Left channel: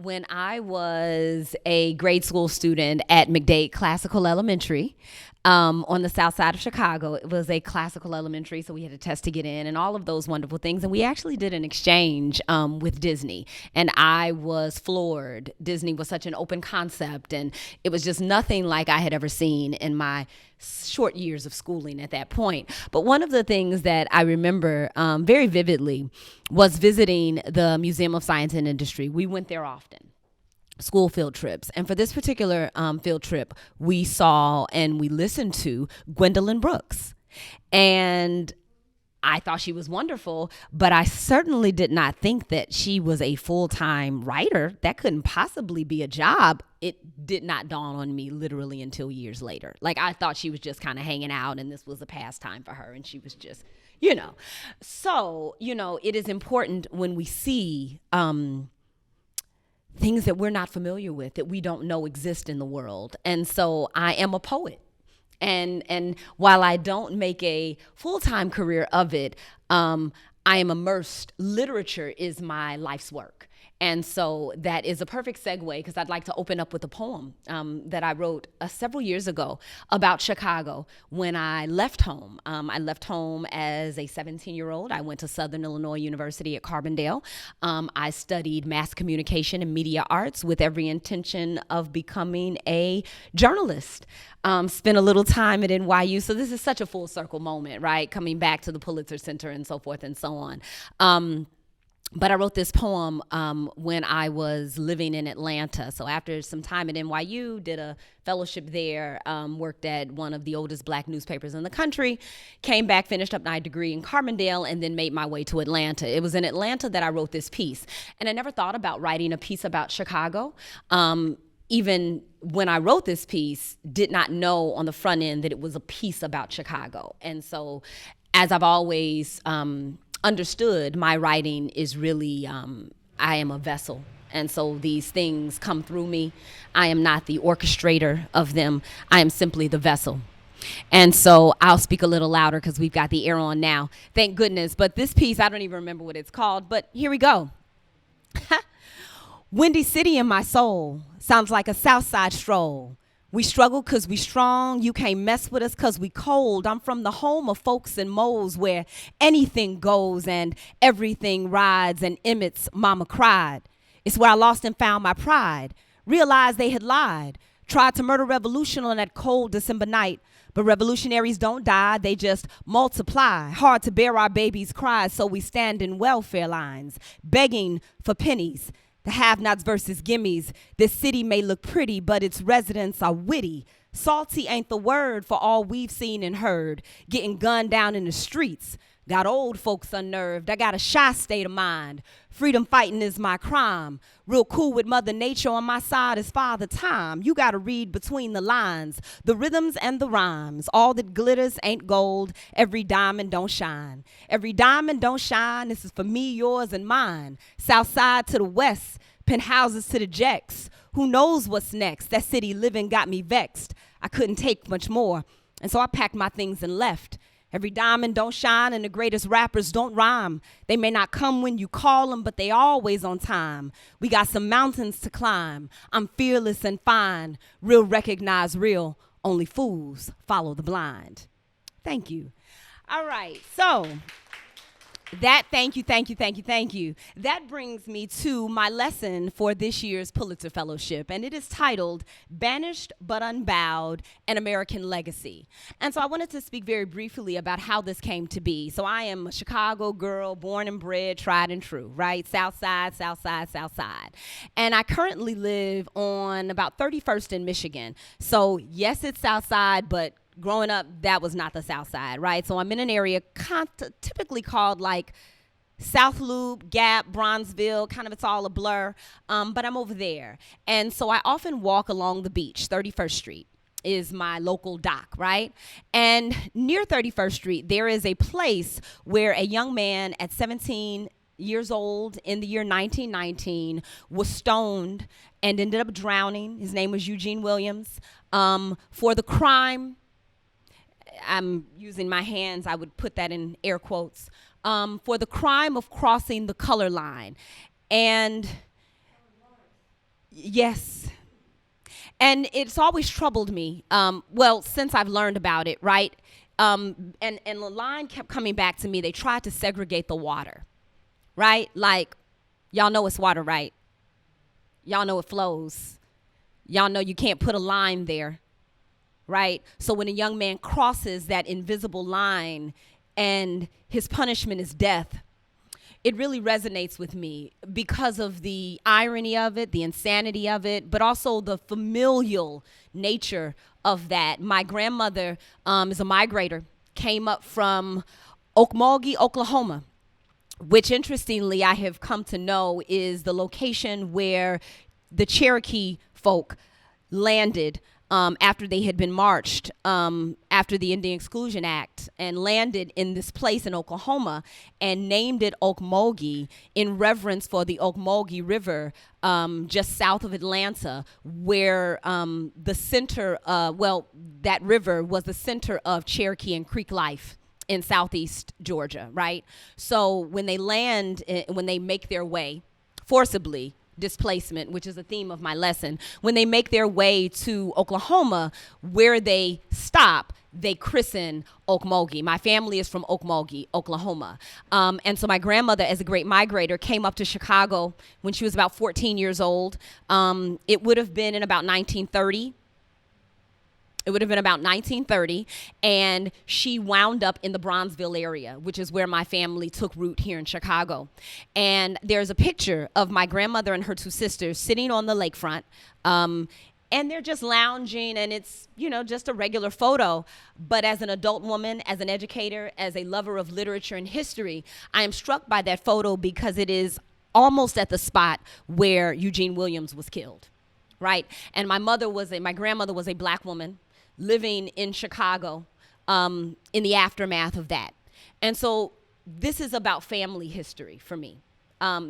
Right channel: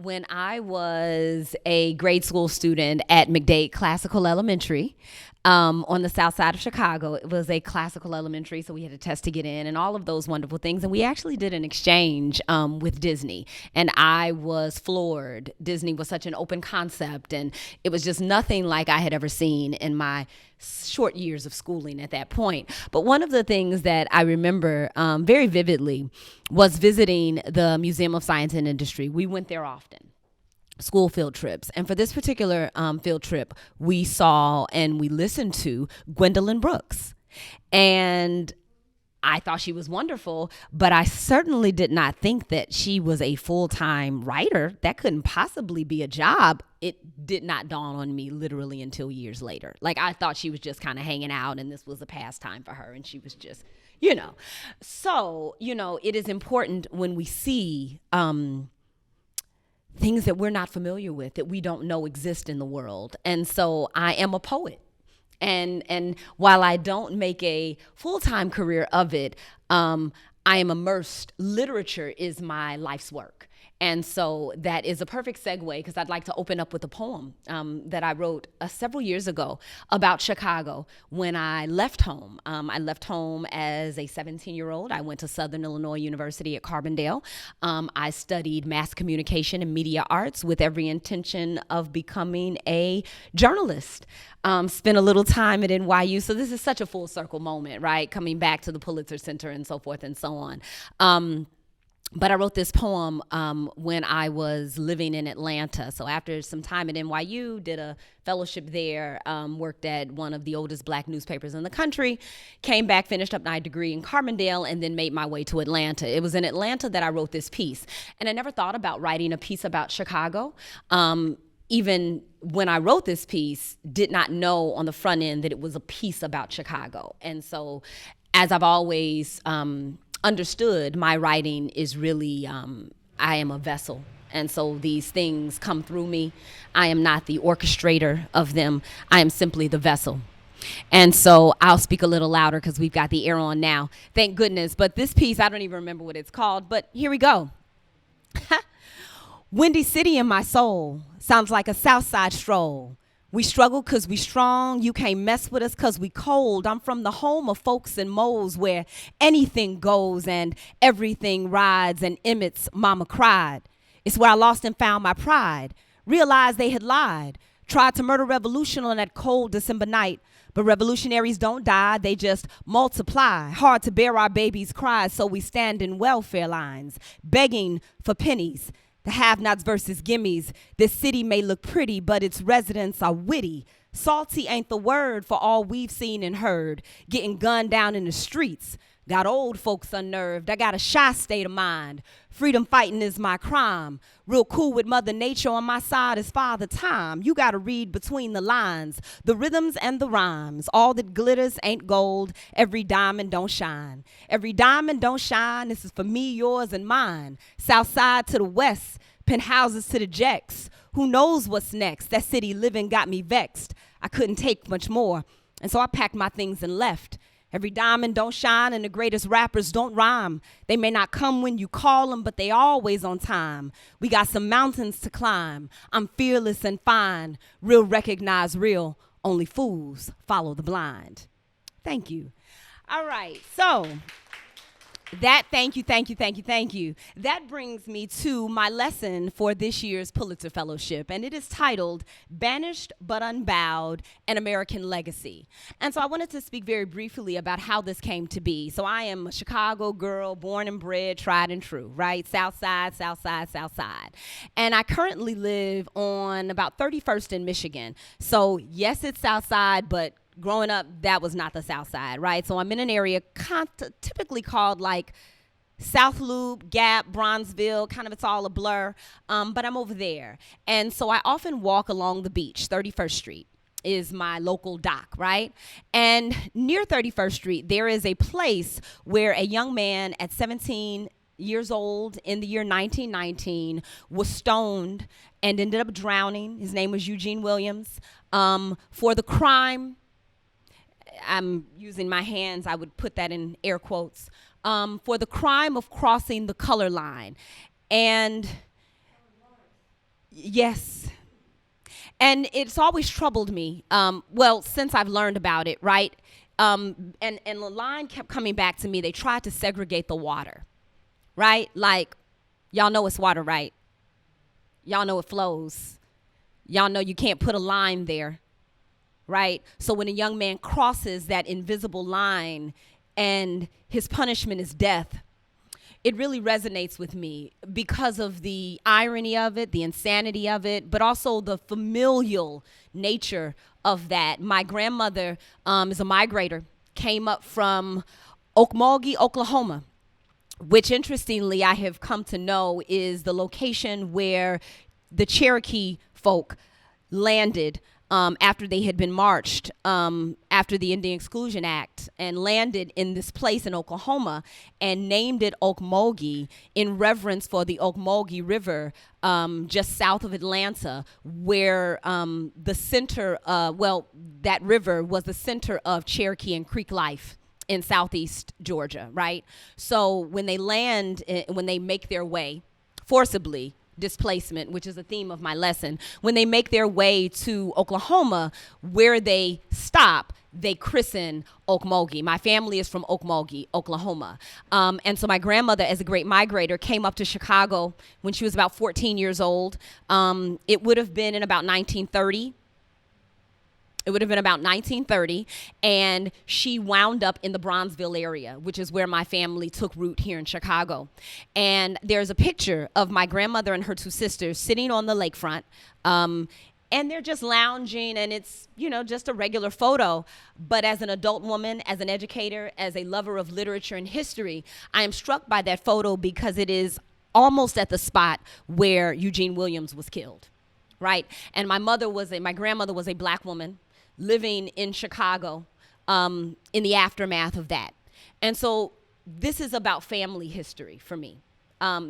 When I was a grade school student at McDade Classical Elementary on the south side of Chicago, it was a classical elementary, so we had a test to get in and all of those wonderful things. And we actually did an exchange with Disney, and I was floored. Disney was such an open concept, and it was just nothing like I had ever seen in my short years of schooling at that point. But one of the things that I remember very vividly was visiting the Museum of Science and Industry. We went there often, school field trips. And for this particular field trip, we saw and we listened to Gwendolyn Brooks. And I thought she was wonderful, but I certainly did not think that she was a full-time writer. That couldn't possibly be a job. It did not dawn on me literally until years later. Like, I thought she was just kind of hanging out and this was a pastime for her and she was just, you know. So, you know, it is important when we see things that we're not familiar with, that we don't know exist in the world. And so I am a poet. And while I don't make a full-time career of it, I am immersed. Literature is my life's work. And so that is a perfect segue because I'd like to open up with a poem that I wrote several years ago about Chicago when I left home. I left home as a 17-year-old. I went to Southern Illinois University at Carbondale. I studied mass communication and media arts with every intention of becoming a journalist. Spent a little time at NYU. So this is such a full circle moment, right? Coming back to the Pulitzer Center and so forth and so on. But I wrote this poem when I was living in Atlanta. So after some time at NYU, did a fellowship there, worked at one of the oldest black newspapers in the country, came back, finished up my degree in Carbondale, and then made my way to Atlanta. It was in Atlanta that I wrote this piece. And I never thought about writing a piece about Chicago. Even when I wrote this piece, did not know on the front end that it was a piece about Chicago. And so as I've always understood, my writing is really, I am a vessel. And so these things come through me. I am not the orchestrator of them. I am simply the vessel. And so I'll speak a little louder because we've got the air on now. Thank goodness. But this piece, I don't even remember what it's called, but here we go. Windy City in my soul sounds like a South Side stroll. We struggle cause we strong, you can't mess with us cause we cold. I'm from the home of folks and moles where anything goes and everything rides, and Emmett's mama cried. It's where I lost and found my pride, realized they had lied, tried to murder revolution on that cold December night. But revolutionaries don't die, they just multiply. Hard to bear our babies' cries, so we stand in welfare lines, begging for pennies. The have-nots versus gimmies. This city may look pretty, but its residents are witty. Salty ain't the word for all we've seen and heard. Getting gunned down in the streets. Got old folks unnerved. I got a shy state of mind. Freedom fighting is my crime. Real cool with Mother Nature on my side is Father Time. You gotta read between the lines, the rhythms and the rhymes. All that glitters ain't gold. Every diamond don't shine. Every diamond don't shine. This is for me, yours, and mine. South side to the west, penthouses to the jacks. Who knows what's next? That city living got me vexed. I couldn't take much more, and so I packed my things and left. Every diamond don't shine and the greatest rappers don't rhyme. They may not come when you call them, but they always on time. We got some mountains to climb. I'm fearless and fine. Real recognize real. Only fools follow the blind. Thank you. All right, so thank you. That brings me to my lesson for this year's Pulitzer Fellowship, and it is titled Banished but Unbowed, An American Legacy. And so I wanted to speak very briefly about how this came to be. So I am a Chicago girl, born and bred, tried and true, right? South Side. And I currently live on about 31st in Michigan. So yes, it's South Side, but growing up, that was not the South Side, right? So I'm in an area typically called like South Loop, Gap, Bronzeville, kind of it's all a blur, but I'm over there. And so I often walk along the beach, 31st Street is my local dock, right? And near 31st Street, there is a place where a young man at 17 years old in the year 1919 was stoned and ended up drowning. His name was Eugene Williams, for the crime. I'm using my hands, I would put that in air quotes, for the crime of crossing the color line. And Yes. And it's always troubled me. Well, since I've learned about it, right? And the line kept coming back to me. They tried to segregate the water, right? Like, y'all know it's water, right? Y'all know it flows. Y'all know you can't put a line there, right? So when a young man crosses that invisible line and his punishment is death, it really resonates with me because of the irony of it, the insanity of it, but also the familial nature of that. My grandmother is a migrator, came up from Okmulgee, Oklahoma, which interestingly I have come to know is the location where the Cherokee folk landed after they had been marched after the Indian Exclusion Act, and landed in this place in Oklahoma and named it Okmulgee in reverence for the Okmulgee River just south of Atlanta, where the center, that river was the center of Cherokee and Creek life in southeast Georgia, right? So when they land, when they make their way forcibly, displacement, which is a theme of my lesson, when they make their way to Oklahoma, where they stop, they christen Okmulgee. My family is from Okmulgee, Oklahoma. And so my grandmother, as a great migrator, came up to Chicago when she was about 14 years old. It would have been in about 1930. It would have been about 1930, and she wound up in the Bronzeville area, which is where my family took root here in Chicago. And there's a picture of my grandmother and her two sisters sitting on the lakefront, and they're just lounging, and it's, just a regular photo. But as an adult woman, as an educator, as a lover of literature and history, I am struck by that photo because it is almost at the spot where Eugene Williams was killed, right? And my grandmother was a black woman living in Chicago in the aftermath of that. And so this is about family history for me.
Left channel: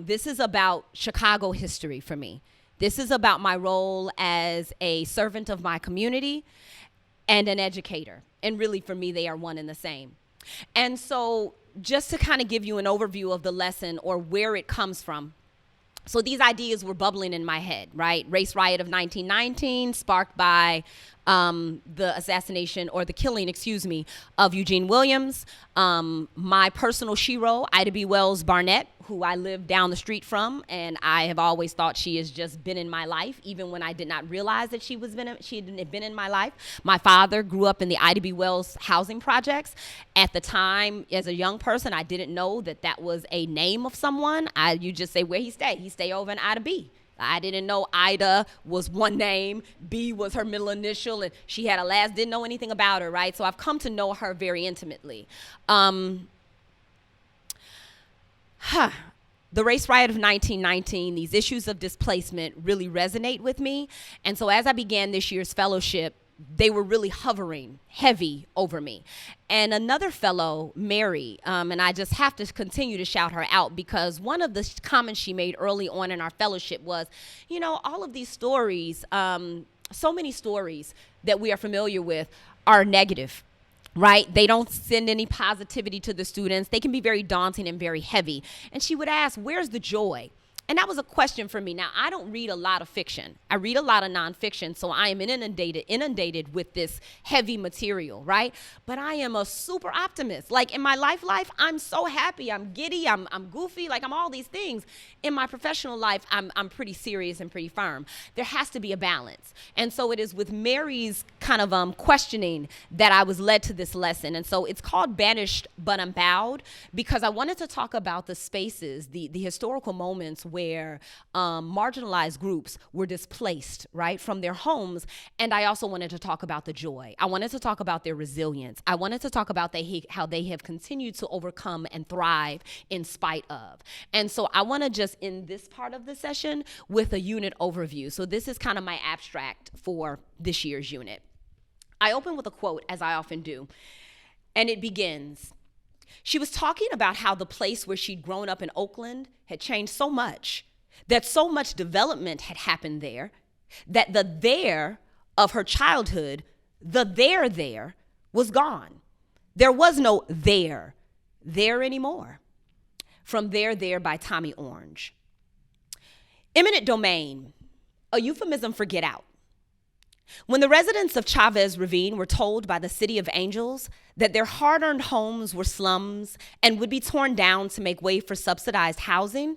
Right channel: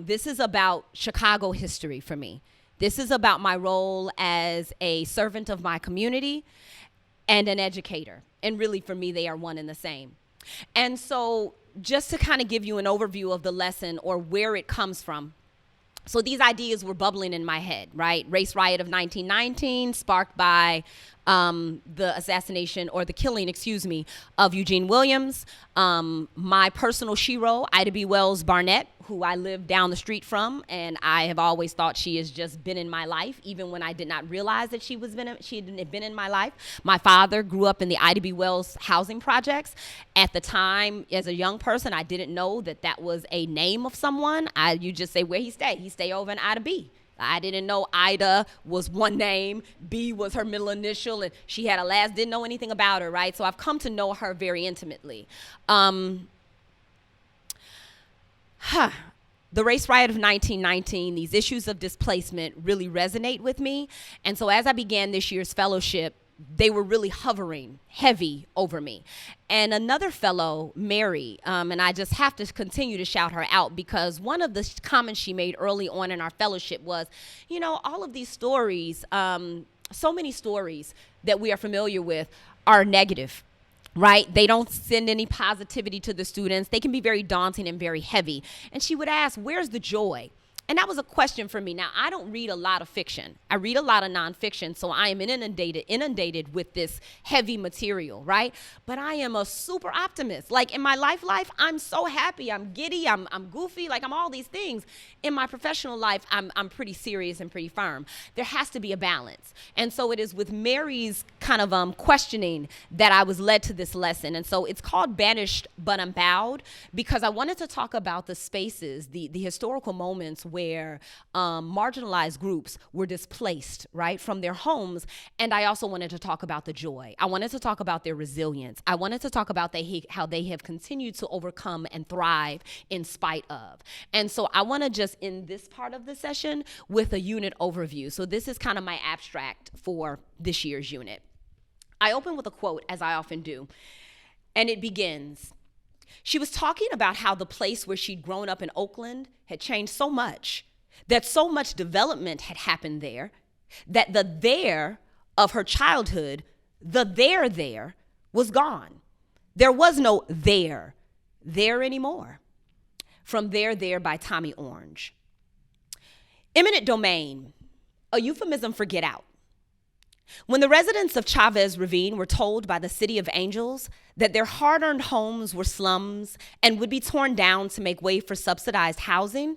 This is about Chicago history for me. This is about my role as a servant of my community and an educator. And really, for me, they are one and the same. And so just to kind of give you an overview of the lesson or where it comes from, so these ideas were bubbling in my head, right? Race riot of 1919, sparked by the assassination or the killing, of Eugene Williams. My personal shero, Ida B. Wells Barnett, who I live down the street from, and I have always thought she has just been in my life, even when I did not realize that she had been in my life. My father grew up in the Ida B. Wells housing projects. At the time, as a young person, I didn't know that that was a name of someone. You just say where he stay. He stay over in Ida B. I didn't know Ida was one name, B was her middle initial, and she had a last, didn't know anything about her, right? So I've come to know her very intimately. The race riot of 1919, these issues of displacement really resonate with me. And so as I began this year's fellowship, they were really hovering heavy over me. And another fellow, Mary, and I just have to continue to shout her out because one of the comments she made early on in our fellowship was, all of these stories, so many stories that we are familiar with are negative, right? They don't send any positivity to the students. They can be very daunting and very heavy. And she would ask, where's the joy? And that was a question for me. Now, I don't read a lot of fiction. I read a lot of nonfiction, so I am inundated with this heavy material, right? But I am a super optimist. Like in my life, I'm so happy. I'm giddy. I'm goofy. Like I'm all these things. In my professional life, I'm pretty serious and pretty firm. There has to be a balance. And so it is with Mary's kind of questioning that I was led to this lesson. And so it's called Banished But Unbowed because I wanted to talk about the spaces, the historical moments where marginalized groups were displaced, right, from their homes. And I also wanted to talk about the joy. I wanted to talk about their resilience. I wanted to talk about how they have continued to overcome and thrive in spite of. And so I want to just end this part of the session with a unit overview. So this is kind of my abstract for this year's unit. I open with a quote, as I often do, and it begins, she was talking about how the place where she'd grown up in Oakland had changed so much, that so much development had happened there, that the there of her childhood, the there was gone. There was no there anymore. From There by Tommy Orange. Eminent domain, a euphemism for get out. When the residents of Chavez Ravine were told by the City of Angels that their hard-earned homes were slums and would be torn down to make way for subsidized housing,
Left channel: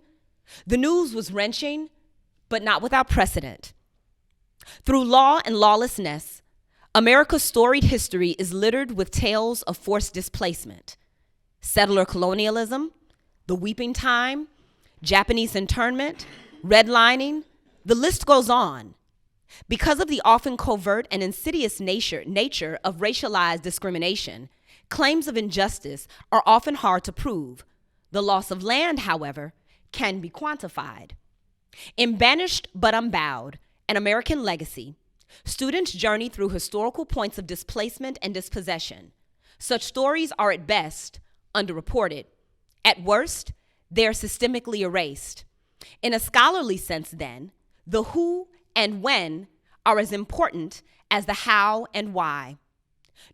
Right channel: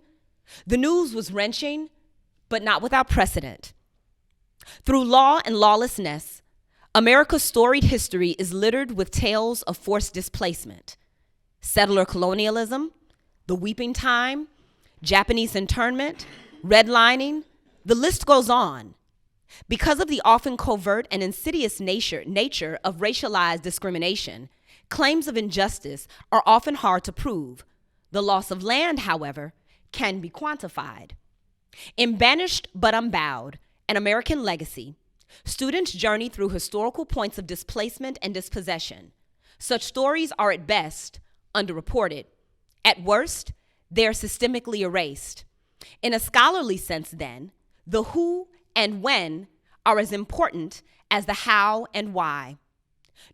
the news was wrenching, but not without precedent. Through law and lawlessness, America's storied history is littered with tales of forced displacement, settler colonialism, the weeping time, Japanese internment, redlining, the list goes on. Because of the often covert and insidious nature of racialized discrimination, claims of injustice are often hard to prove. The loss of land, however, can be quantified. In Banished But Unbowed, An American Legacy, students journey through historical points of displacement and dispossession. Such stories are at best underreported. At worst, they are systemically erased. In a scholarly sense, then, the who and when are as important as the how and why.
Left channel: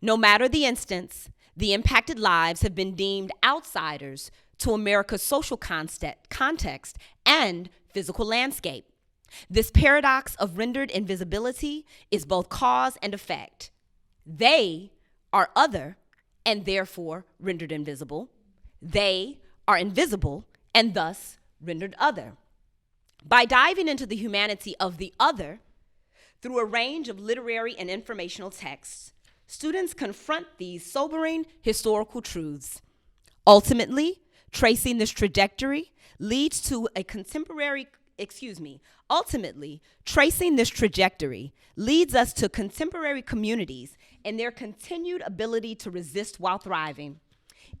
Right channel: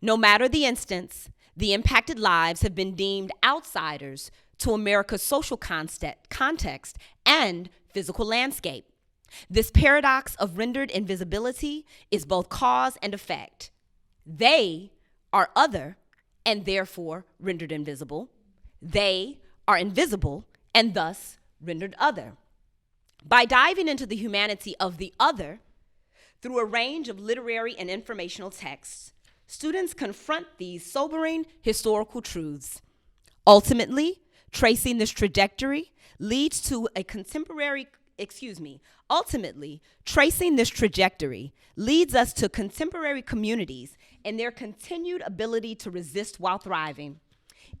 No matter the instance, the impacted lives have been deemed outsiders to America's social context and physical landscape. This paradox of rendered invisibility is both cause and effect. They are other and therefore rendered invisible. They are invisible and thus rendered other. By diving into the humanity of the other through a range of literary and informational texts, students confront these sobering historical truths. Ultimately, tracing this trajectory leads to a leads us to contemporary communities and their continued ability to resist while thriving.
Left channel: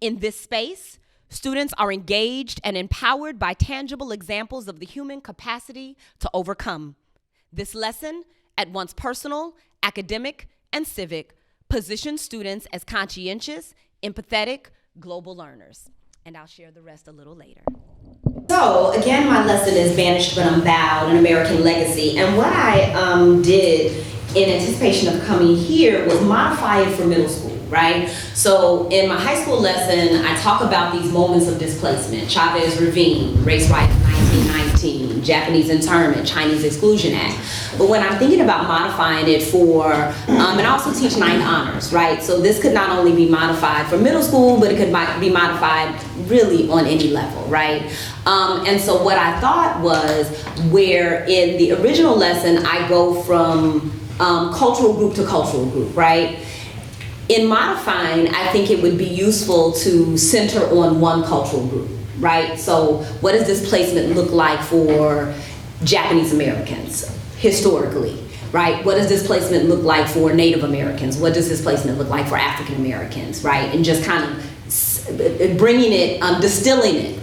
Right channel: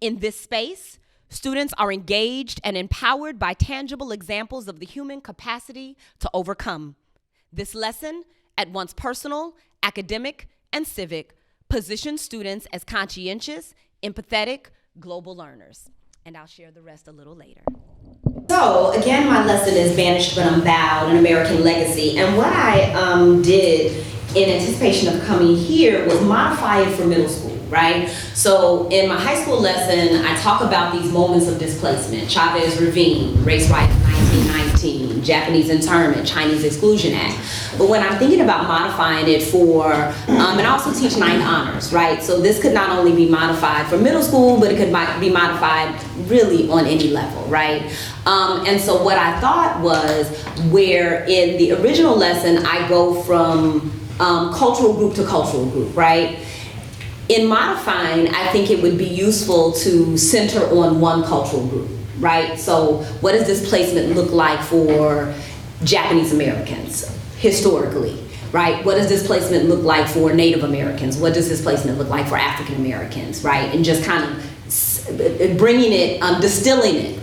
In this space, students are engaged and empowered by tangible examples of the human capacity to overcome. This lesson, at once personal, academic, and civic, positions students as conscientious, empathetic, global learners. And I'll share the rest a little later. So, again, my lesson is Banished But Unbowed, An American Legacy. And what I did in anticipation of coming here was modify it for middle school, right? So in my high school lesson, I talk about these moments of displacement: Chavez Ravine, Race Riots 1919, Japanese internment, Chinese Exclusion Act. But when I'm thinking about modifying it for, and I also teach ninth honors, right? So this could not only be modified for middle school, but it could be modified really on any level, right? And so what I thought was, where in the original lesson, I go from cultural group to cultural group, right? In modifying, I think it would be useful to center on one cultural group, right? So what does displacement look like for Japanese Americans historically, right? What does displacement look like for Native Americans? What does displacement look like for African Americans, right? And just kind of bringing it, distilling it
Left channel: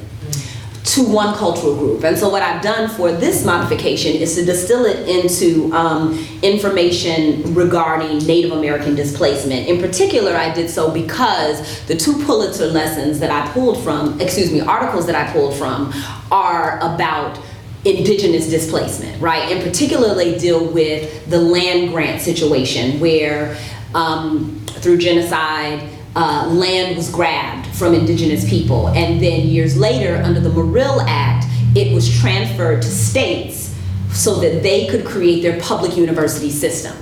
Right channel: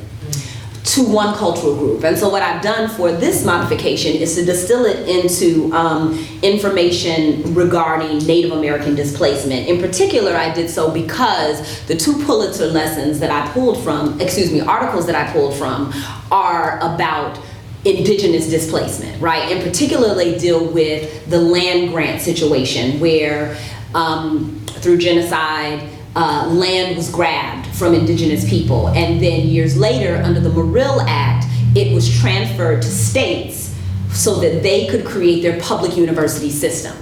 to one cultural group. And so what I've done for this modification is to distill it into information regarding Native American displacement. In particular, I did so because the two Pulitzer lessons that I pulled from, articles that I pulled from, are about indigenous displacement, right? And particularly deal with the land grant situation where through genocide, land was grabbed from indigenous people, and then years later, under the Morrill Act, it was transferred to states so that they could create their public university system.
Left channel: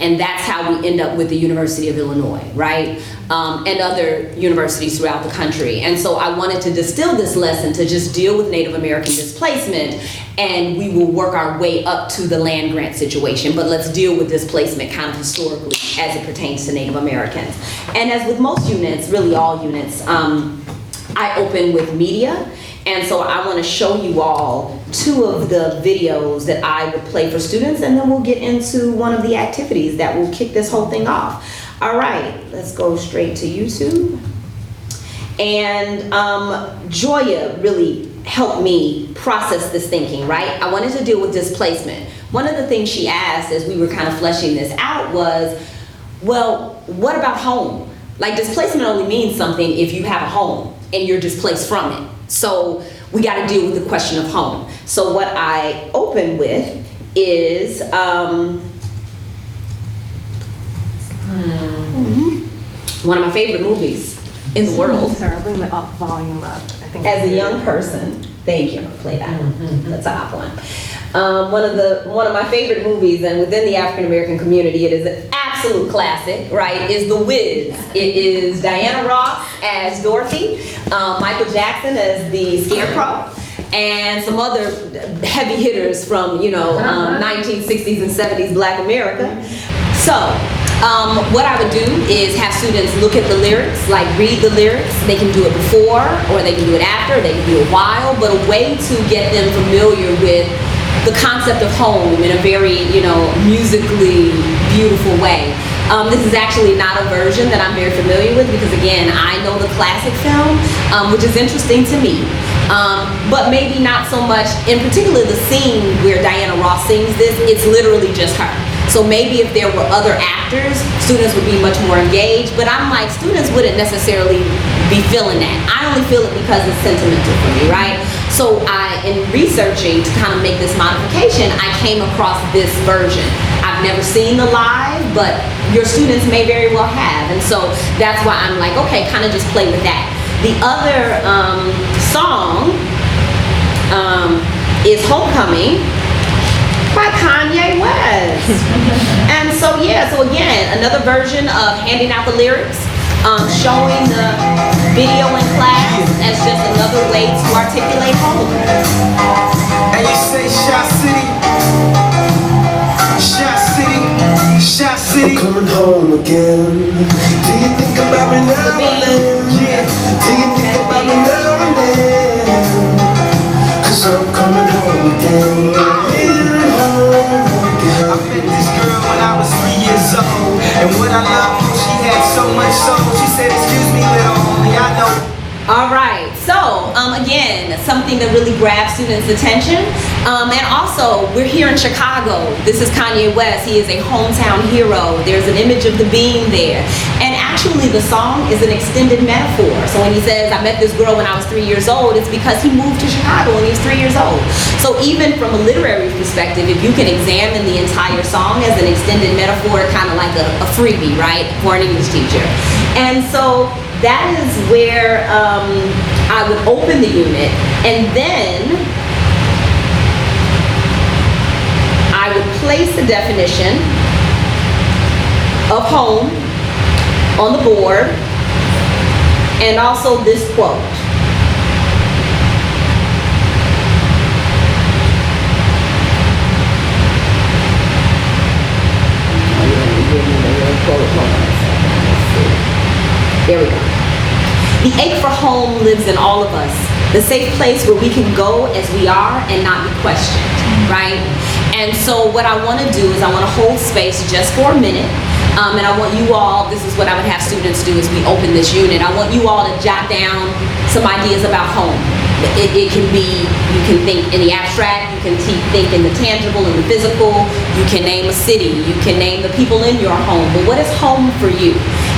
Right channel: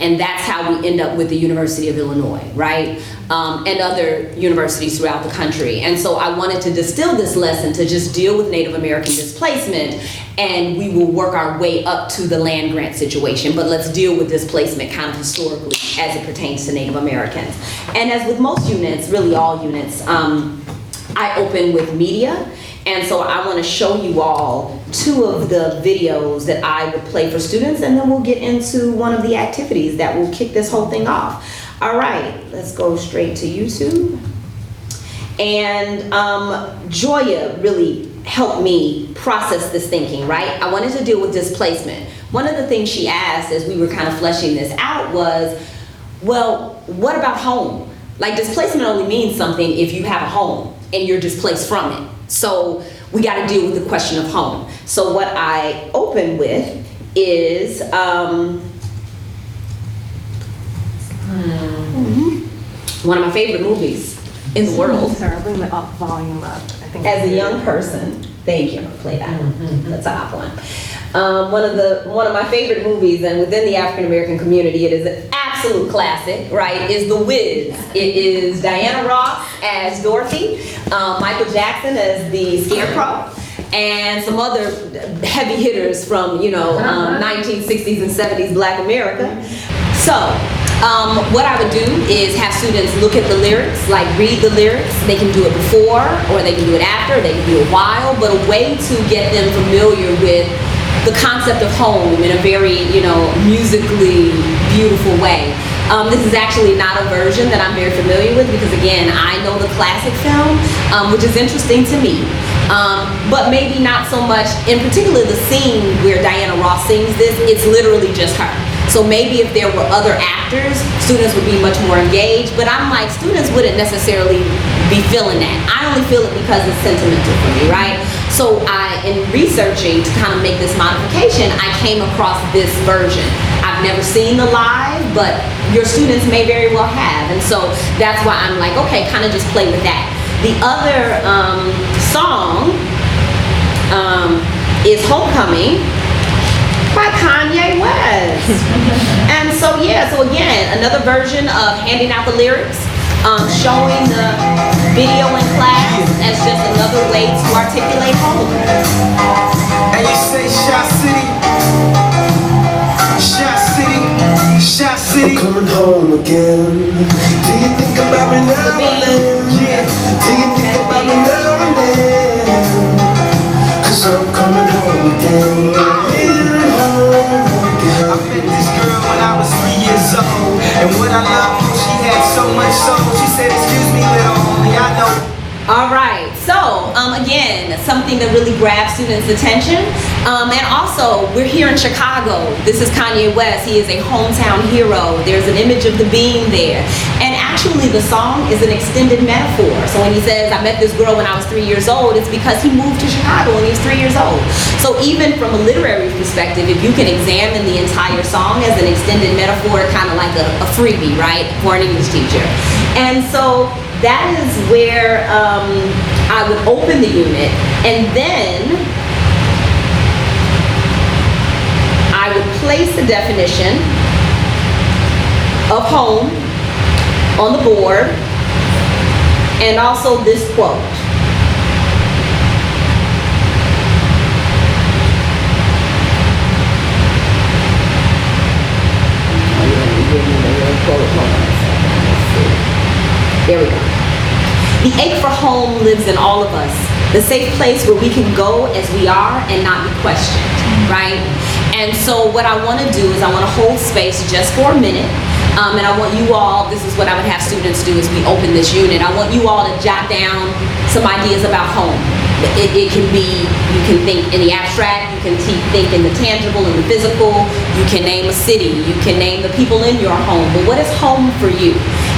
And that's how we end up with the University of Illinois, right? And other universities throughout the country. And so I wanted to distill this lesson to just deal with Native American displacement, and we will work our way up to the land grant situation, but let's deal with displacement kind of historically as it pertains to Native Americans. And as with most units, really all units, I open with media. And so I want to show you all two of the videos that I would play for students, and then we'll get into one of the activities that will kick this whole thing off. All right, let's go straight to YouTube. And Joya really helped me process this thinking, right? I wanted to deal with displacement. One of the things she asked as we were kind of fleshing this out was, well, what about home? Like, displacement only means something if you have a home and you're displaced from it. So we got to deal with the question of home. So what I open with is one of my favorite movies in the world. Sorry, bring the volume up. I think as a young person, thank you. Play that. That's a hot one. One of my favorite movies, and within the African American community, it is an absolute classic, right? Is The Wiz. It is Diana Ross as Dorothy, Michael Jackson as the Scarecrow, and some other heavy hitters from 1960s and 70s Black America. So what I would do is have students look at the lyrics, like read the lyrics. They can do it before, or they can do it after, they can do it while, but a way to get them familiar with the concept of home in a very, musically beautiful way. This is actually not a version that I'm very familiar with because, again, I know the classic film, which is interesting to me. But maybe not so much, in particular the scene where Diana Ross sings this, it's literally just her. So maybe if there were other actors, students would be much more engaged, but I'm like, students wouldn't necessarily be feeling that. I only feel it because it's sentimental for me, right? So in researching to kind of make this modification, I came across this version. I've never seen the live, but your students may very well have, and so that's why I'm like, okay, kind of just play with that. The other song is Homecoming by Kanye West. And so again, another version of handing out the lyrics, showing the video in class as just another way to articulate home. And you say Shot City, Shot City, Shot City. I'm coming home again. Do you think about me now and then? Yeah. Do you think about me now and then? 'Cause I'm coming home again. I met this girl when I was 3 years old, and what I love most, she had so much soul. She said, "Excuse me, little homie, I know." All right, so again, something that really grabs students' attention. And also, we're here in Chicago. This is Kanye West. He is a hometown hero. There's an image of the being there. And actually, the song is an extended metaphor. So when he says, I met this girl when I was 3 years old, it's because he moved to Chicago when he was 3 years old. So even from a literary perspective, if you can examine the entire song as an extended metaphor, kind of like a freebie, right, for an English teacher. And so that is where I would open the unit, and then I would place the definition of home on the board, and also this quote. There we go. The ache for home lives in all of us. The safe place where we can go as we are and not be questioned, right? And so what I want to do is I want to hold space just for a minute. And I want you all, this is what I would have students do as we open this unit. I want you all to jot down some ideas about home. It can be, you can think in the abstract, you can think in the tangible and the physical, you can name a city, you can name the people in your home, but what is home for you?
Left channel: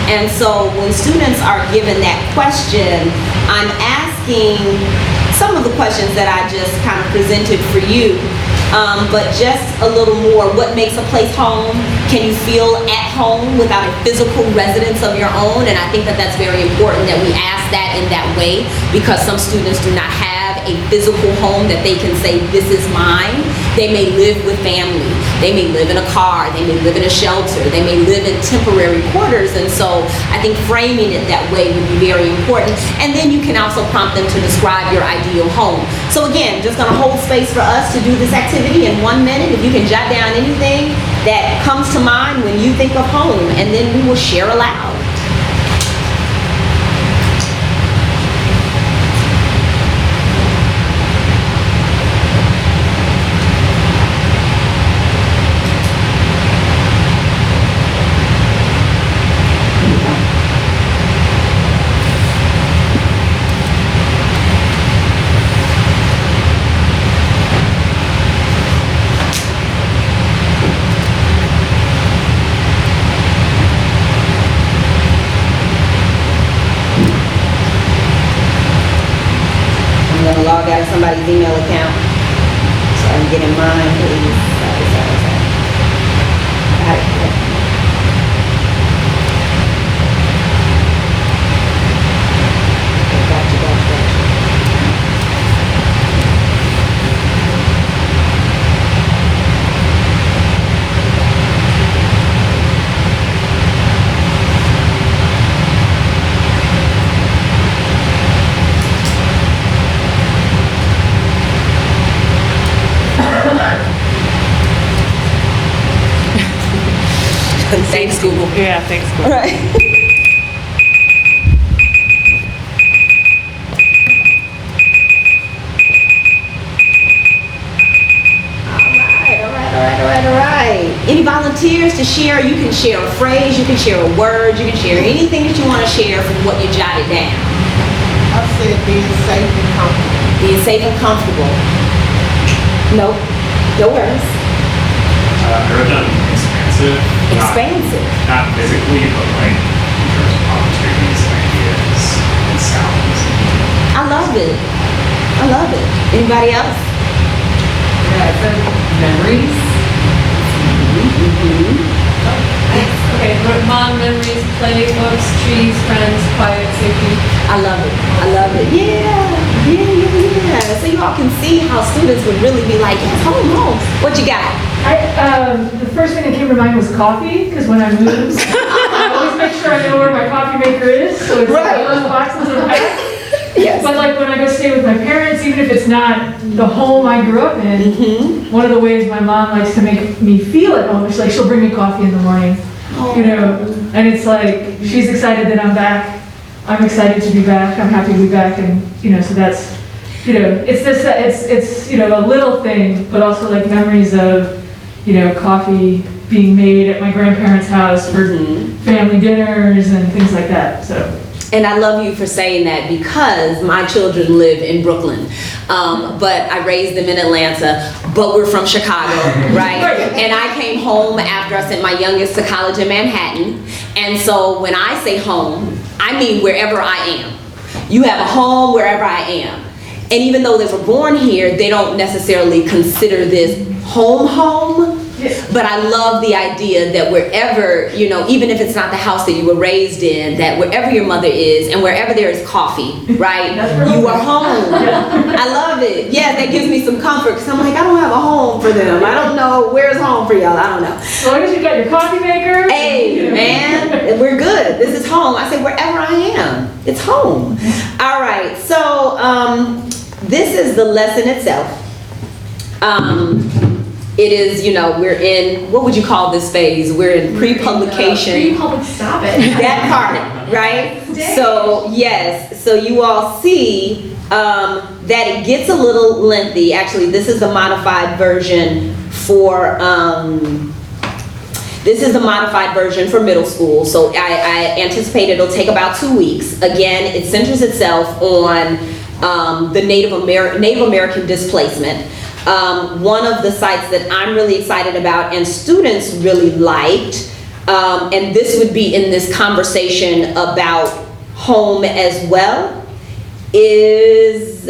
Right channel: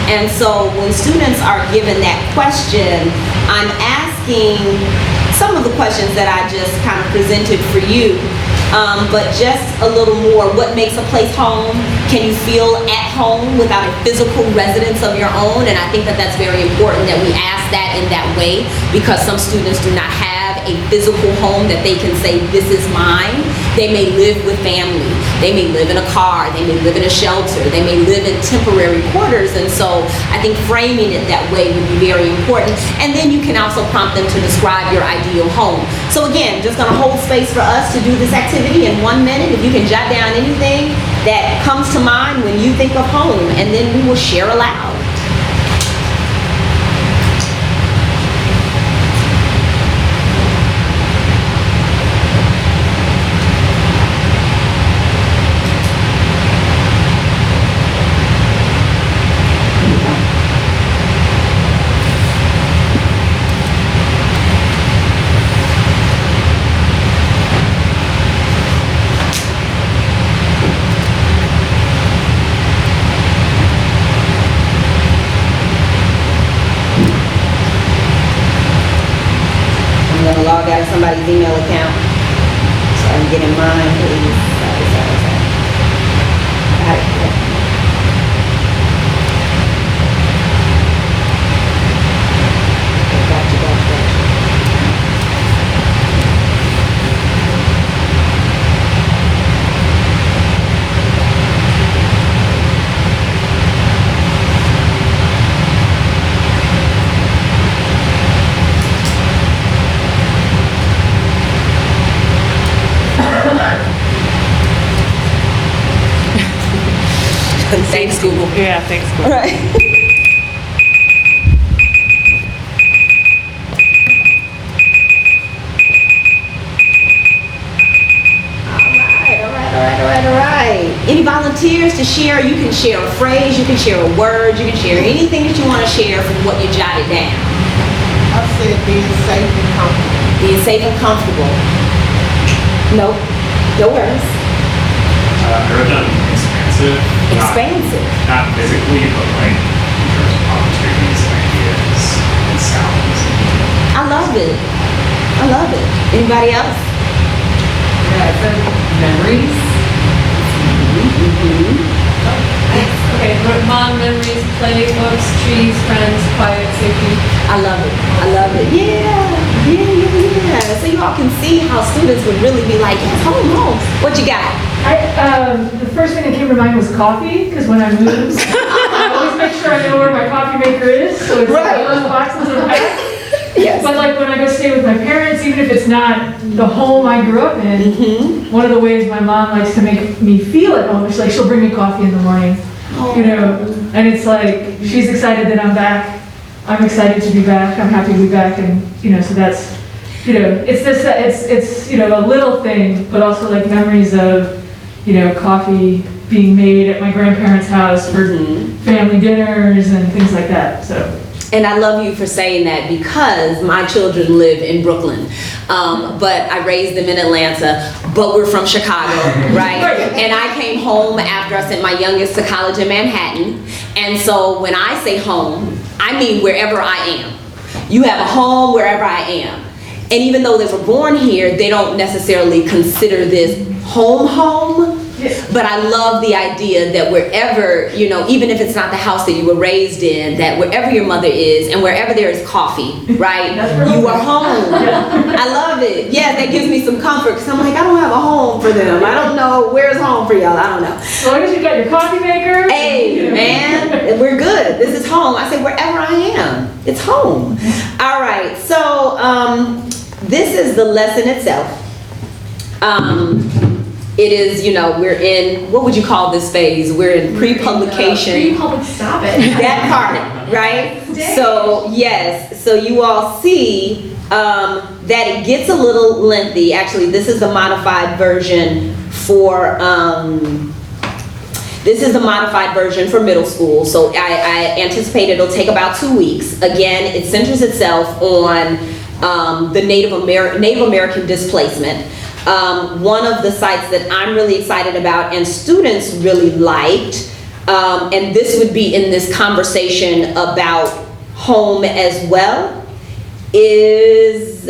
And so when students are given that question, I'm asking some of the questions that I just kind of presented for you, but just a little more. What makes a place home? Can you feel at home without a physical residence of your own? And I think that that's very important that we ask that in that way, because some students do not have a physical home that they can say, this is mine. They may live with family. They may live in a car. They may live in a shelter. They may live in temporary quarters. And so I think framing it that way would be very important. And then you can also prompt them to describe your ideal home. So again, just gonna hold space for us to do this activity in 1 minute. If you can jot down anything that comes to mind when you think of home, and then we will share aloud. I'm gonna log out of somebody's email account so I can get in mine, please. Sorry. Got it. Gotcha. 1, Thanks, Google. Yeah, thanks, Google. Right. All right. Any volunteers to share? You can share a phrase, you can share a word, you can share anything that you want to share from what you jotted down. I said being safe and comfortable. Being safe and comfortable. Nope. No words. I wrote down expansive. Expansive. Not physically, but like in terms of opportunities, ideas, and sounds. I love it. I love it. Anybody else? Memories. Okay, mom, memories, play, books, trees, friends, quiet, safety. I love it. I love it. Yeah. So you all can see how students would really be like, yes, home. What you got? The first thing that came to mind was coffee, because when I move, I always make sure I know where my coffee maker is, so it's Right. like those boxes in the back. Yes. But like when I go stay with my parents, even if it's not the home I grew up in, one of the ways my mom likes to make me feel at home is like she'll bring me coffee in the morning, you know, and it's like she's excited that I'm back. I'm excited to be back. I'm happy to be back, and you know, so that's, you know, it's this, it's you know, a little thing, but also like memories of, you know, coffee being made at my grandparents' house for family dinners and things like that. So. And I love you for saying that because my children live in Brooklyn, but I raised them in Atlanta, but we're from Chicago, right? And I came home after I sent my youngest to college in Manhattan. And so when I say home, I mean wherever I am. You have a home wherever I am. And even though they were born here, they don't necessarily consider this home. But I love the idea that wherever, you know, even if it's not the house that you were raised in, that wherever your mother is and wherever there is coffee, right, you are home. I love it. Yeah, that gives me some comfort because I'm like, I don't have a home for them. I don't know where's home for y'all. I don't know. As long as you got your coffee maker. Hey, man, we're good. This is home. I say wherever I am, it's home. All right, so this is the lesson itself. It is, you know, we're in, what would you call this phase? We're in pre-publication. Pre-public, stop it. That part, right? So, yes, so you all see that it gets a little lengthy. Actually, this is the modified version for, middle school. So I anticipate it'll take about 2 weeks. Again, it centers itself on the Native American displacement. One of the sites that I'm really excited about and students really liked, and this would be in this conversation about home as well, is,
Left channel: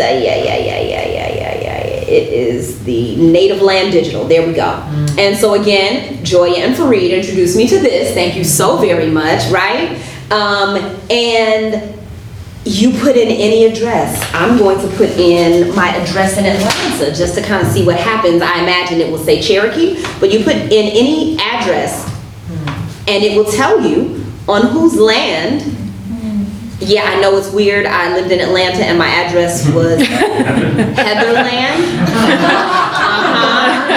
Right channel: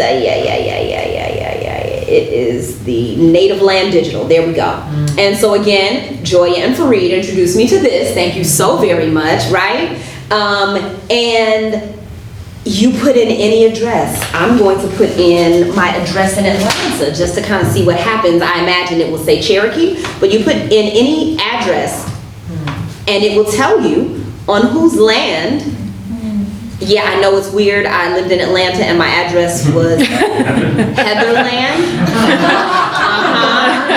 it is the Native Land Digital. There we go. And so again, Joya and Fareed introduced me to this. Thank you so very much, right? And you put in any address. I'm going to put in my address in Atlanta just to kind of see what happens. I imagine it will say Cherokee, but you put in any address and it will tell you on whose land. Yeah, I know it's weird. I lived in Atlanta and my address was Heatherland.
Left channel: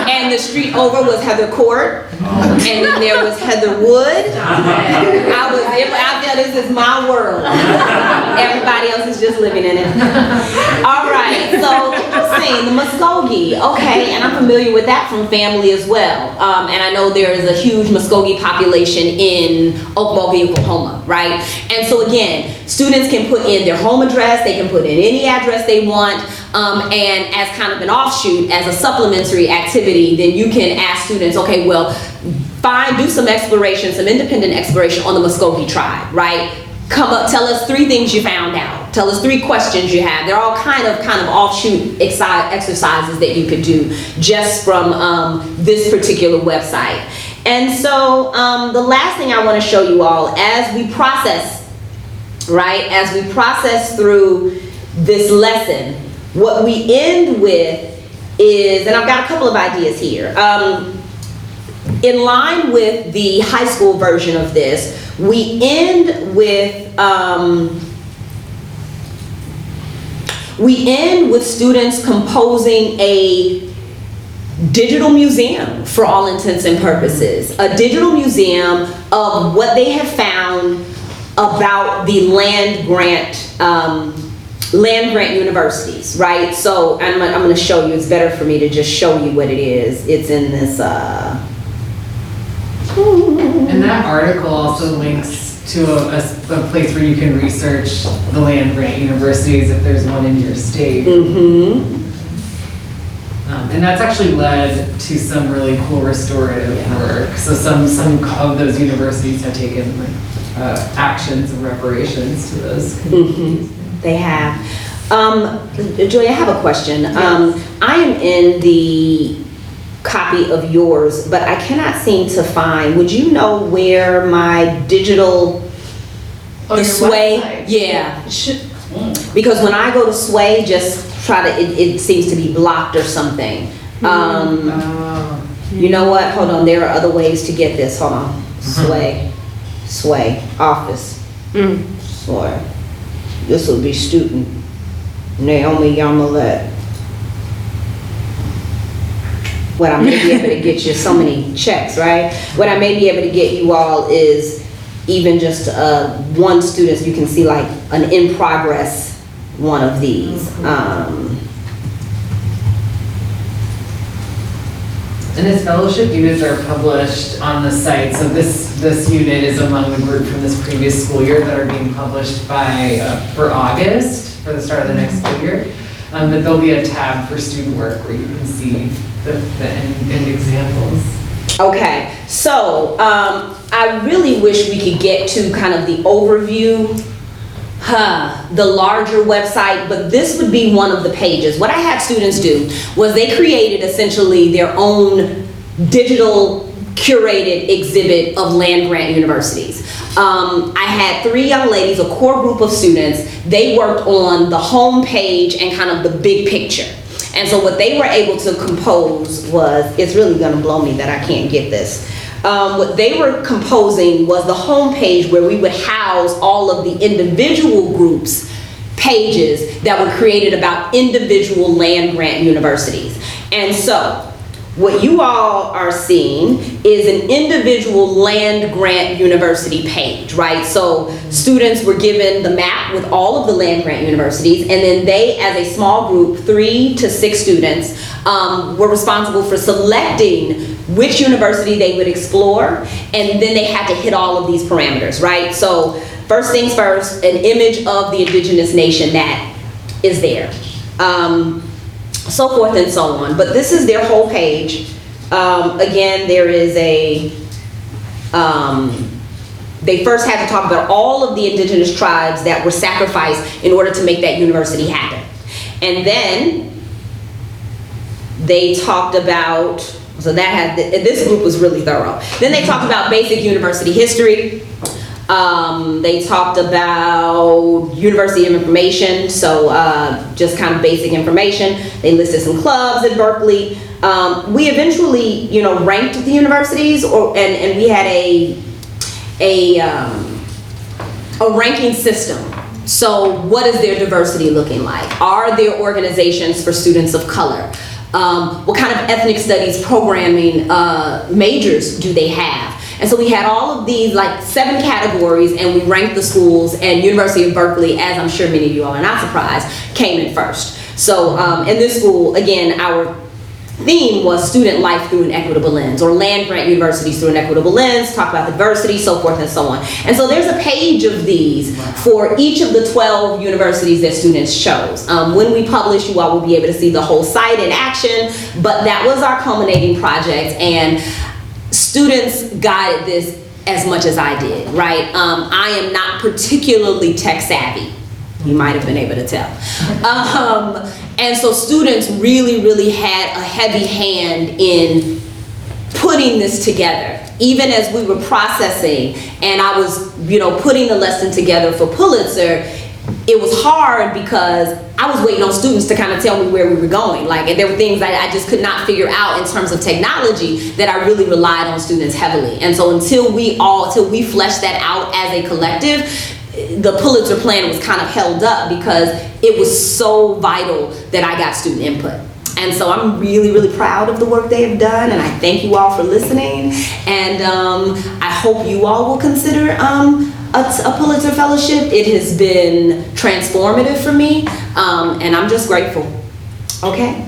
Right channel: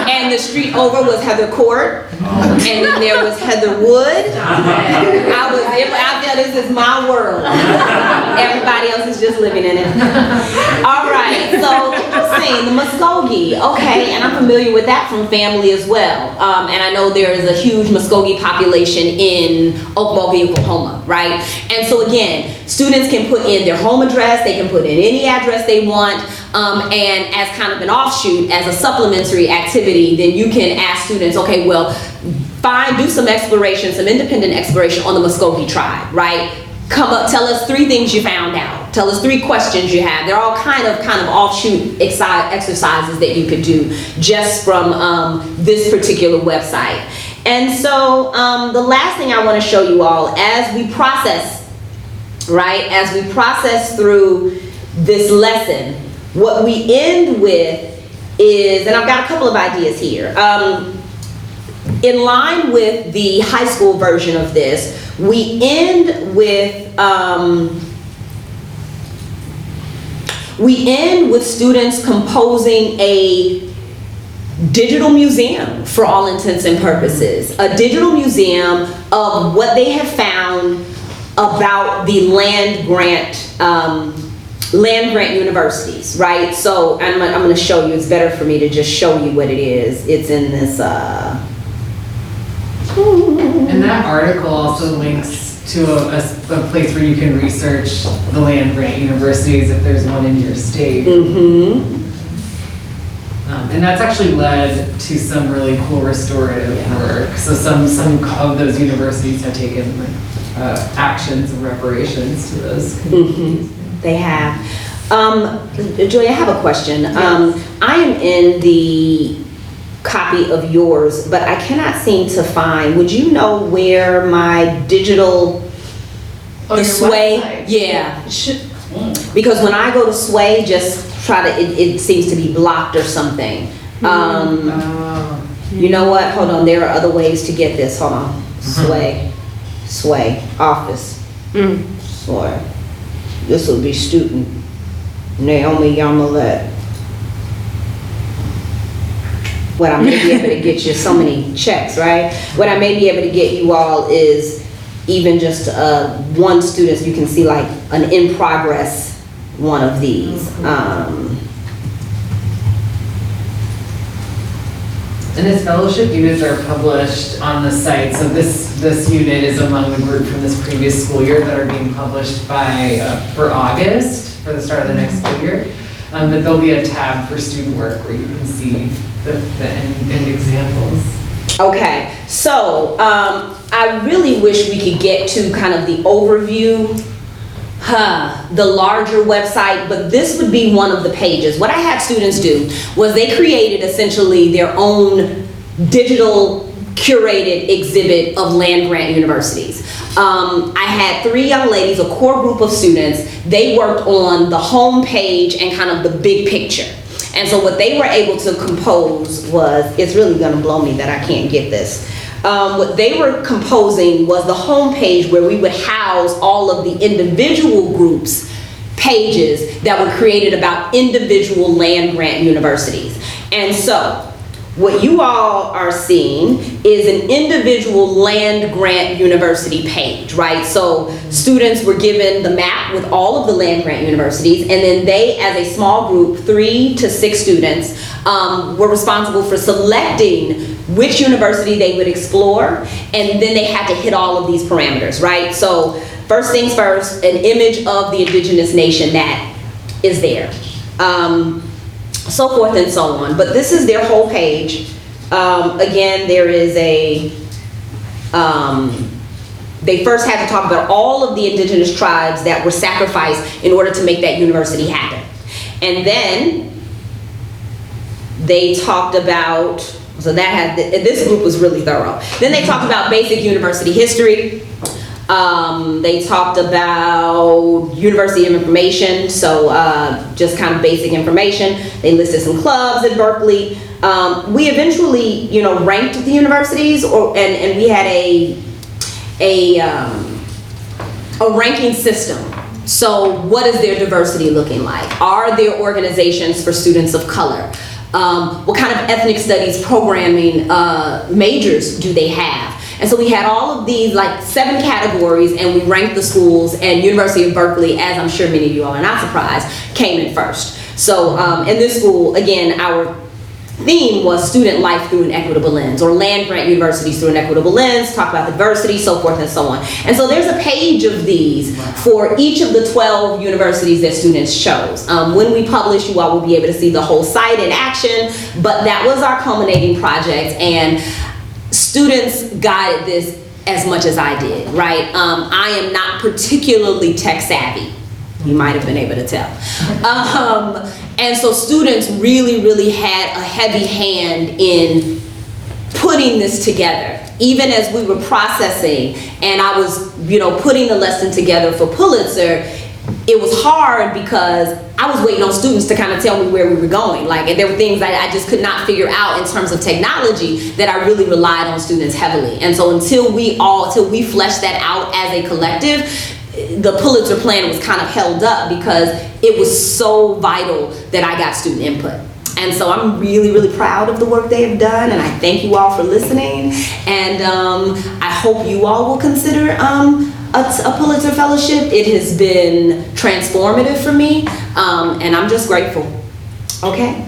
And the street over was Heather Court. And then there was Heatherwood. I felt this is my world. Everybody else is just living in it. All right, so I'm saying the Muskogee. Okay, and I'm familiar with that from family as well. And I know there is a huge Muskogee population in Okmulgee, Oklahoma, right? And so again, students can put in their home address, they can put in any address they want, and as kind of an offshoot, as a supplementary activity, then you can ask students, okay, well, do some exploration, some independent exploration on the Muskogee tribe, right? Come up, tell us 3 things you found out. Tell us 3 questions you have. They're all kind of offshoot exercises that you could do just from this particular website. And so the last thing I want to show you all as we process, right? As we process through this lesson, what we end with is, and I've got a couple of ideas here. In line with the high school version of this, we end with students composing a digital museum for all intents and purposes. A digital museum of what they have found about the land grant universities, right? So I'm going to show you. It's better for me to just show you what it is. It's in this. And that article also links to a place where you can research the land grant universities if there's one in your state. And that's actually led to some really cool restorative work. So some of those universities have taken actions and reparations to those communities. They have. Joy, I have a question. I am in the copy of yours, but I cannot seem to find, would you know where my digital, the Sway? Website. Yeah. Because when I go to Sway, just try to, it seems to be blocked or something. You know what? Hold on. There are other ways to get this. Hold on. Sway, office. Sway. This will be student Naomi Yamalet. What I may be able to get you, so many checks, right? What I may be able to get you all is even just one student, so you can see like an in progress one of these. And his fellowship units are published on the site. So this unit is among the group from this previous school year that are being published by for August, for the start of the next school year. But there'll be a tab for student work where you can see the end examples. Okay, so I really wish we could get to kind of the overview, the larger website, but this would be one of the pages. What I had students do was they created essentially their own digital curated exhibit of land grant universities. I had 3 young ladies, a core group of students. They worked on the home page and kind of the big picture. And so what they were able to compose was, it's really gonna blow me that I can't get this. What they were composing was the home page where we would house all of the individual groups pages that were created about individual land grant universities. And so what you all are seeing is an individual land grant university page, right? So students were given the map with all of the land grant universities, and then they, as a small group, 3 to 6 students, were responsible for selecting which university they would explore, and then they had to hit all of these parameters, right? So first things first, an image of the indigenous nation that is there. So forth and so on. But this is their whole page. Again, there is a, they first had to talk about all of the indigenous tribes that were sacrificed in order to make that university happen. And then they talked about, so that had, this group was really thorough. Then they talked about basic university history. They talked about University of Information, so just kind of basic information. They listed some clubs at Berkeley. We eventually, ranked the universities, and we had a ranking system. So what is their diversity looking like? Are there organizations for students of color? What kind of ethnic studies programming majors do they have? And so we had all of these, like 7 categories, and we ranked the schools, and University of Berkeley, as I'm sure many of you all are not surprised, came in first. So in this school, again, our theme was student life through an equitable lens, or land grant universities through an equitable lens, talk about diversity, so forth and so on. And so there's a page of these for each of the 12 universities that students chose. When we publish, you all will be able to see the whole site in action, but that was our culminating project, and students guided this as much as I did, right? I am not particularly tech savvy. You might have been able to tell. And so students really had a heavy hand in putting this together. Even as we were processing and I was, putting the lesson together for Pulitzer, it was hard because I was waiting on students to kind of tell me where we were going. Like, and there were things I just could not figure out in terms of technology that I really relied on students heavily. And so until we fleshed that out as a collective, the Pulitzer plan was kind of held up because it was so vital that I got student input. And so I'm really, really proud of the work they have done, and I thank you all for listening. And I hope you all will consider a Pulitzer Fellowship. It has been transformative for me, and I'm just grateful. Okay?